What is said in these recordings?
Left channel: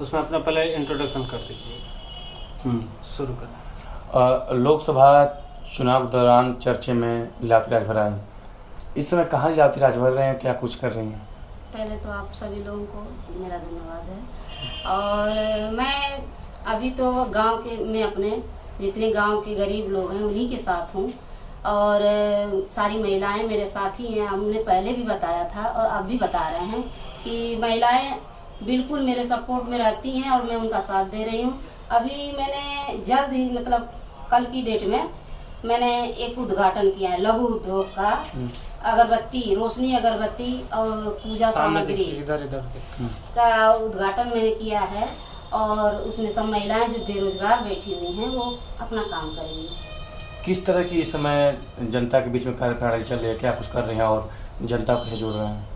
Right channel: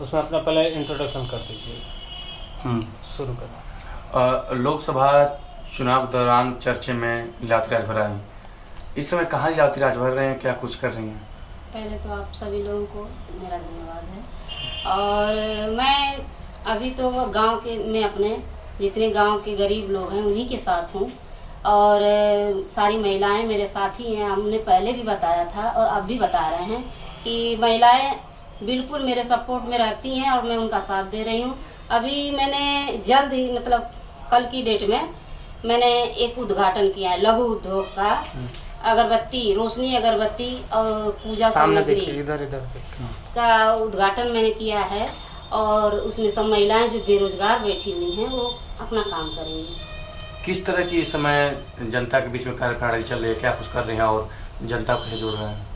उसमें अपना पहले इंट्रोडक्शन कर दीजिए। शुरू करें। लोकसभा चुनाव के दौरान चर्चे में लीलावती राजभर हैं। इस समय कहाँ लीलावती राजभर रहे हैं, क्या कुछ कर रही हैं? पहले तो आप सभी लोगों को मेरा धन्यवाद है। और मैं अभी तो गांव के में अपने जितने गांव के गरीब लोग हैं उन्हीं के साथ हूँ, और सारी महिलाएं मेरे साथ ही हैं। हमने पहले भी बताया था और अब भी बता रहे हैं कि महिलाएं बिल्कुल मेरे सपोर्ट में रहती हैं और मैं उनका साथ दे रही हूँ। अभी मैंने जल्द ही मतलब कल की डेट में मैंने एक उद्घाटन किया है लघु उद्योग का। अगरबत्ती, रोशनी अगरबत्ती और पूजा सामग्री का उद्घाटन मैंने किया है, और उसमें सब महिलाएं जो बेरोजगार बैठी हुई हैं वो अपना काम करेंगी। किस तरह की इस समय जनता के बीच में कार्यप्रणाली चल रही है, क्या कुछ कर रहे हैं और जनता को जोड़ रहे हैं?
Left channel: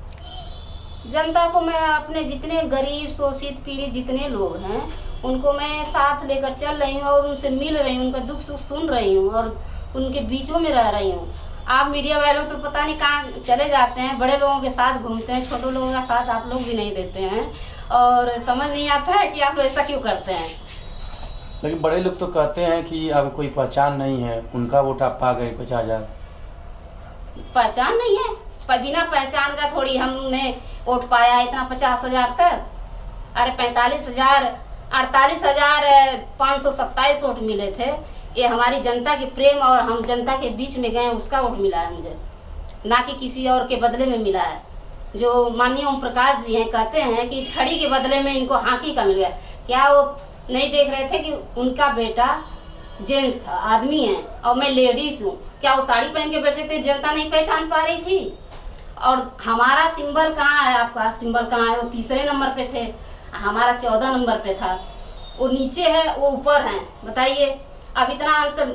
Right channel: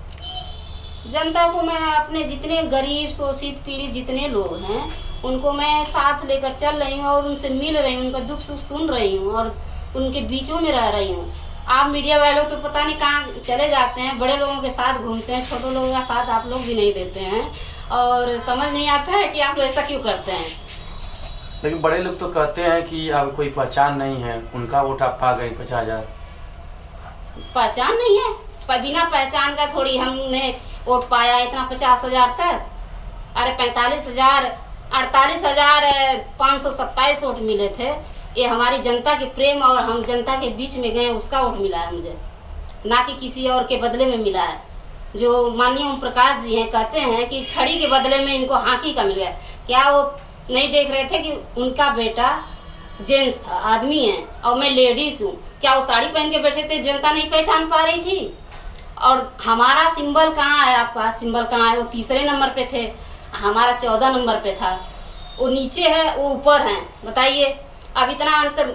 जनता को मैं अपने जितने गरीब शोषित पीड़ित जितने लोग हैं उनको मैं साथ लेकर चल रही हूँ और उनसे मिल रही हूँ, उनका दुख सुख सुन रही हूँ और उनके बीचों में रह रही हूँ। आप मीडिया वालों तो पता नहीं कहाँ चले जाते हैं, बड़े लोगों के साथ घूमते हैं, छोटे लोगों का साथ आप लोग भी नहीं देते हैं और समझ नहीं आता है कि आप ऐसा क्यों करते हैं। लेकिन बड़े लोग तो कहते हैं कि अब कोई पहचान नहीं है, उनका वोट आप पा गए 50,000। पहचान नहीं है? बिना पहचान का थोड़ी हमने वोट पाया है इतना 50,000 तक। अरे 48,527 वोट मिले थे। ये हमारी जनता के प्रेम और हम जनता के बीच में गए उसका वोट मिला है मुझे, ना कि किसी और के बदले में मिला है। जो माननीय ओम प्रकाश जी हैं कहते हैं कि छड़ी के बदले में इनको हाकी का मिल गया। क्या वो नहीं देख रहे थे कि उनका बेटा जेंट्स था, आदमी है और मैं लेडीज हूँ? क्या वो साड़ी पहन के बैठे थे, जनता नहीं पहचान पा रही थी? और हमारा सिंबल कहाँ है? आपका सिंबल कहाँ है? वो तीसरे नंबर पे थे, हमारा 14 नंबर पे था। वो नीचे है, वो ऊपर है। बताइए, अब इतना अंतर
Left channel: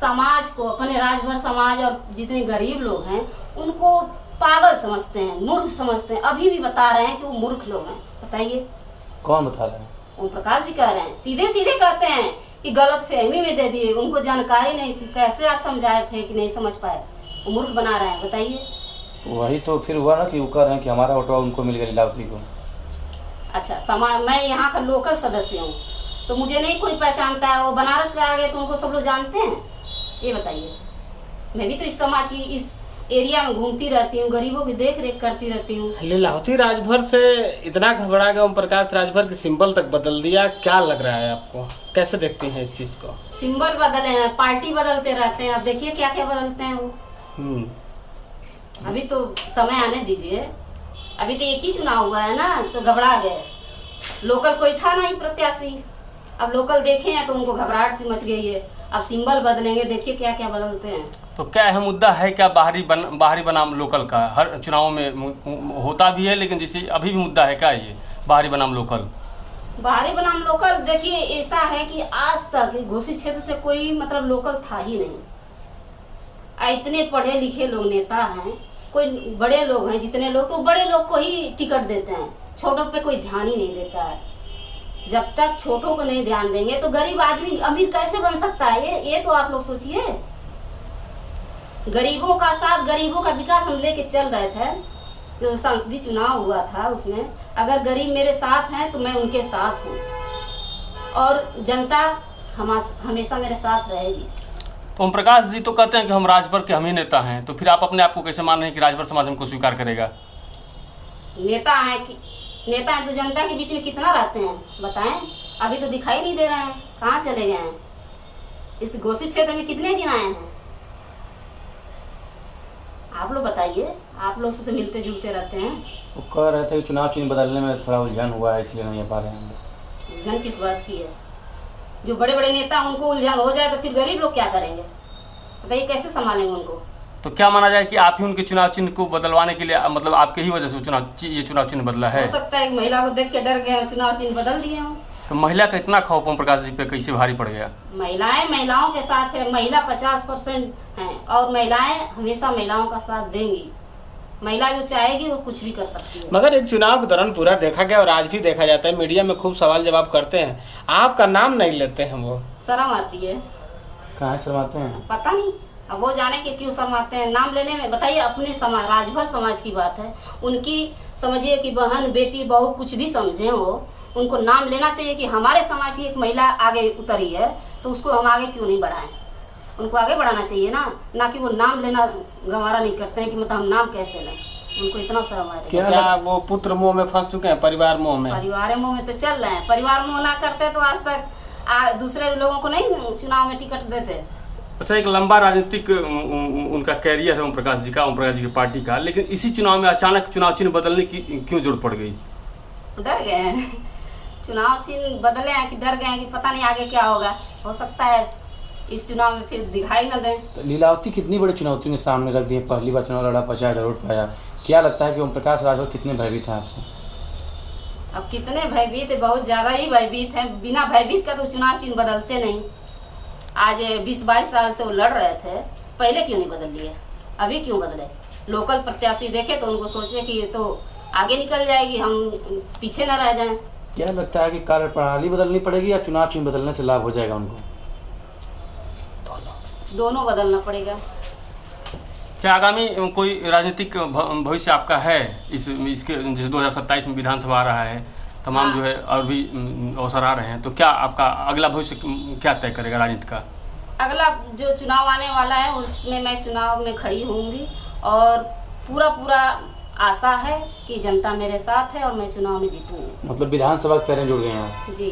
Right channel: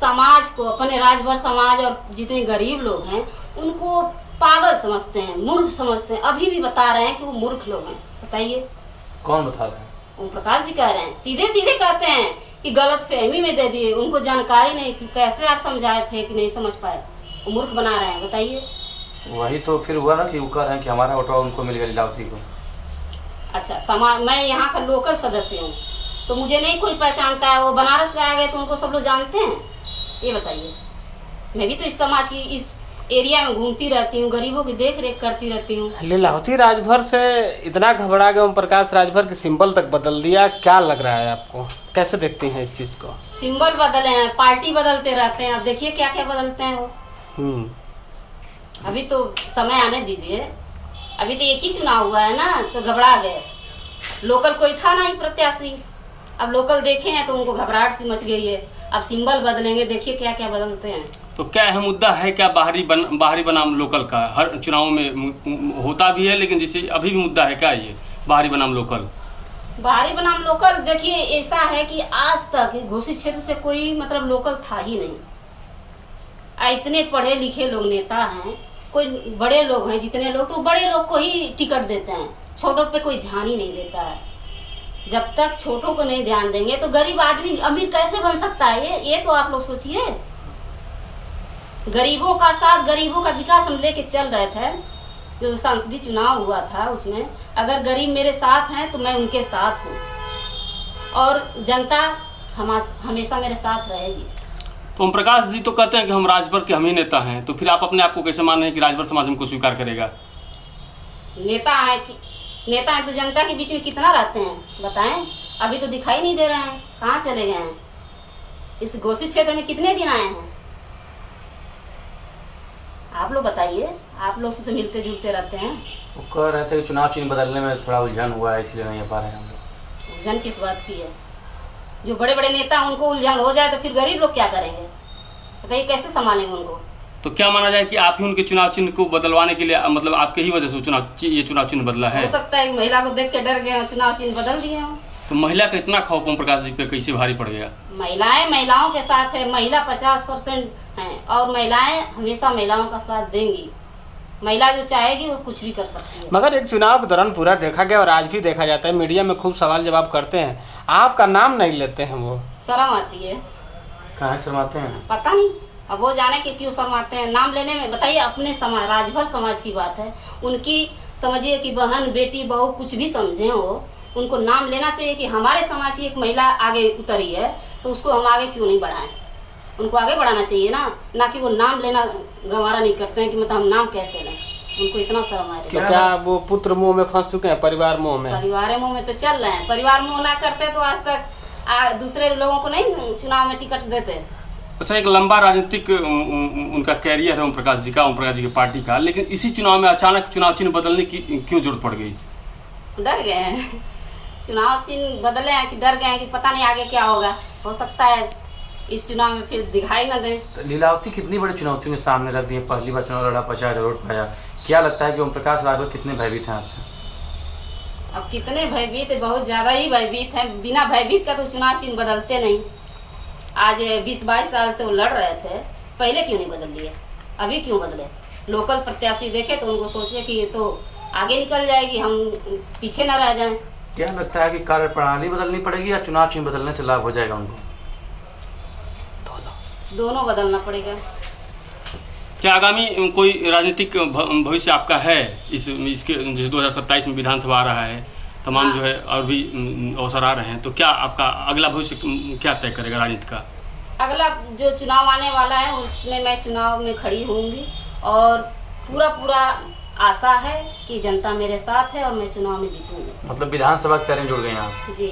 समाज को, अपने राजभर समाज और जितने गरीब लोग हैं उनको पागल समझते हैं, मूर्ख समझते हैं। अभी भी बता रहे हैं कि वो मूर्ख लोग हैं। बताइए कौन बता रहे हैं? ओम प्रकाश जी कह रहे हैं, सीधे सीधे कहते हैं कि गलत फहमी में दे दिए, उनको जानकारी नहीं थी। कैसे आप समझाए थे कि नहीं समझ पाए? वो मूर्ख बना रहे हैं। बताइए। वही तो फिर हुआ ना कि वो कह रहे हैं कि हमारा वोट उनको मिल गया लीलावती को। अच्छा, समाज, मैं यहाँ का लोकल सदस्य हूँ तो मुझे नहीं कोई पहचानता है। वो बनारस से आ गए तो उनको सब लोग जानते हैं? ये बताइए। मैं भी तो इस समाज की, इस एरिया में घूमती रहती हूँ, गरीबों की देख रेख करती रहती हूँ। लीलावती राजभर से इतना घबरा गए ओम प्रकाश राजभर के सिंबल तक बदल दिया, क्या लग रहा है आपको? कैसे देखती हैं इस चीज को? सिंबल बदले हैं, पार्टी बदलते रहते हैं। अब देखिए क्या क्या बदलते हैं वो। अभी तो समय आने दीजिए, अभी तो एक ही चुनाव हुआ है ना, तो घबरा गए। लोकल कोई था नहीं प्रत्याशी, अब लोकल देखे हैं तो उनको घबराहट सी मच गई है। अब सिंबल बदलेंगे, देखिए क्या क्या बदलते हैं। तो क्या अहम मुद्दा है क्या बाहरी बनाम लोकल का? हर चुनाव में होता भी है, लेकिन जैसे अभी भी मुद्दा है क्या ये बाहरी बनाम लोकल? बाहरी बनाम लोकल, देखिए ऐसा है कि आज तक घोषित क्षेत्र से कोई मतलब लोकल था ही नहीं। इतने पढ़े लिखे लोग नेता हैं, कोई बड़े लोग हैं जितने लोग, तो बड़े लोग को ही टिकट देते हैं, छोटों पे कोई ध्यान ही नहीं देता है। जब तक छोटों को नहीं ध्यान देंगे तो गरीब आदमी अमीर कैसे बन सकता है? ये तो आप लोग सोचिए। गरीबों का साथ, गरीबों का विकास हम लेके चल रहे थे। जो संसदीय चुनाव हुआ था उसमें अगर गरीब मेरे साथ हैं तो मैं उनके साथ हूँ और जनता हमेशा मेरे साथ रहेगी। तो ओम प्रकाश जी तो कहते हैं कि हम राजभर के हम ही नेता हैं, तो फिर आप अपने आप को कैसे मान रहे हैं कि राजभर समाज हमको स्वीकार करेगा? नेता है तो जनता के बीच में कितना रहते हैं बताएं? अभी तो दिखाई नहीं दे रहे हैं, कहाँ चले गए हैं? इस घोषित क्षेत्र में कितने दिन आए हैं? आप लोग बताइए, आप लोग से तो मिलते जुलते रहते हैं। वो कह रहे थे कि चुनाव चिन्ह बदलने में थोड़ा उलझन हुआ है, इसलिए नहीं आ पा रहे हैं हम लोग। उलझन किस बात की है? जो बड़े बड़े नेता उनको उलझन हो जाए तो फिर गरीब लोग क्या करेंगे? बताइए कैसे संभालेंगे उनको? तो क्या माना जाए कि आप ही उनके चुनाव चिन्ह को बदलवाने के लिए, मतलब आपके ही वजह से ये चुनाव चिन्ह बदला है? हो सकता है महिला को देख के डर गए, चुनाव चिन्ह बदल दिए हों। तो महिला का इतना खौफ ओम प्रकाश जी पे कैसे भारी पड़ गया? महिलाओं के साथ है, महिला 50% है और महिलाएं हमेशा महिलाओं का साथ देंगी। महिला जो चाहेगी वो कुछ भी कर सकती है। मगर एक चुनाव के दौरान पूरा देखा गया और आज भी देखा जाता है, मीडिया में खूब सवाल जवाब करते हैं, आपका नाम नहीं लेते हैं। वो शर्म आती है। कहाँ शर्माते हैं? पता नहीं, अब वो जाने के क्यों शर्माते हैं नाम लेने में। बताइए, अपने समाज, राजभर समाज की बात है, उनकी समझिए कि बहन बेटी बहू कुछ भी समझे उनको नाम लेना चाहिए कि हमारे समाज की एक महिला आगे उतरी है तो उसको हम आगे क्यों नहीं बढ़ाएं। उनको आगे बढ़ाना चाहिए ना कि वो नाम लेना गंवारा नहीं करते हैं कि मतलब हम नाम कैसे लें। उनको इतना शर्म है। तो क्या वो पुत्र मोह में फंस चुके हैं, परिवार मोह में? परिवार मोह में तो चल रहे हैं। परिवार मोह ना करते तो आज तक दूसरे लोगों को नहीं चुनाव में टिकट देते। अच्छा, एक लंबा राजनीतिक उनका कैरियर है ओम प्रकाश जी का, ओम प्रकाश जी की पार्टी का, लेकिन इसी चुनाव में अचानक चुनाव चिन्ह बदलने की क्यों जरूरत पड़ गई? डर गए हैं। चुनाव चिन्ह बदले हैं कि डर गए हैं कि पता नहीं आगे क्या होगा। हो सकता है इस चुनाव में फिर दिखाई न दें। तो लीलावती कितनी बड़ी चुनौती ने सामने रख दी है, पहली बार चुनाव लड़ा, 50,000 वोट पाया। क्या लगता है कि ओम प्रकाश राजभर कितने भयभीत हैं आपसे? अब कितने भयभीत है, बहुत ज़्यादा ही भयभीत हैं। बिना भयभीत का तो चुनाव चिन्ह बदलते नहीं। आज 20-22 साल से वो लड़ रहे थे, पहले क्यों नहीं बदल लिए, अभी क्यों बदले? लोकल प्रत्याशी देखे तो उनको सोचे कि ये तो आगे निकल जाएगी, हम पीछे न रह जाएं। क्या लगता है कि कार्य प्रणाली बदलनी पड़ेगी या चुनाव चिन्ह बदलने से लाभ हो जाएगा उनको? दोनों बदलना पड़ेगा। क्या आगामी कोई राजनीतिक भविष्य आपका है इसके, जैसे 2027 में विधानसभा आ रहा है, तमाम जो है और भी अवसर आ रहे हैं, तो क्या आपका अगला भविष्य क्या तय करेगा राजनीति का? अगला जो चुनाव आने वाला है उसमें मैं चुनाव में खड़ी होंगी और पूरा आशा है कि जनता मेरे साथ है और मैं चुनाव में जीतूंगी। मतलब विधानसभा के तरह जुड़ गए आप? जी।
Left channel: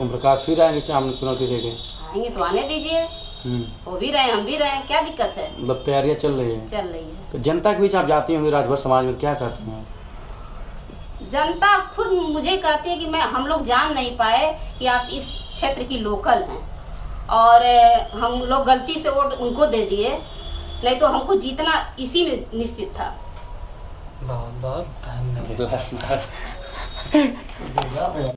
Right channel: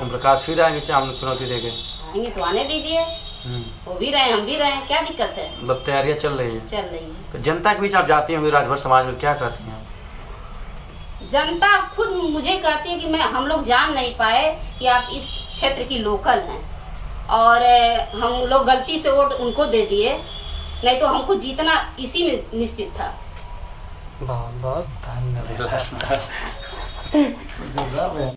ओम प्रकाश फिर आएंगे चुनौती देके? आएंगे तो आने दीजिए, वो भी रहे हम भी रहे, क्या दिक्कत है? मतलब तैयारियां चल रही है? चल रही है। तो जनता के बीच आप जाती होंगी राजभर समाज में, क्या कहती हैं? जनता खुद मुझे कहती है कि हम लोग जान नहीं पाए कि आप इस क्षेत्र की लोकल हैं और हम लोग गलती से वोट उनको दे दिए, नहीं तो हमको जीतना इसी में निश्चित था। बहुत बहुत धन्यवाद।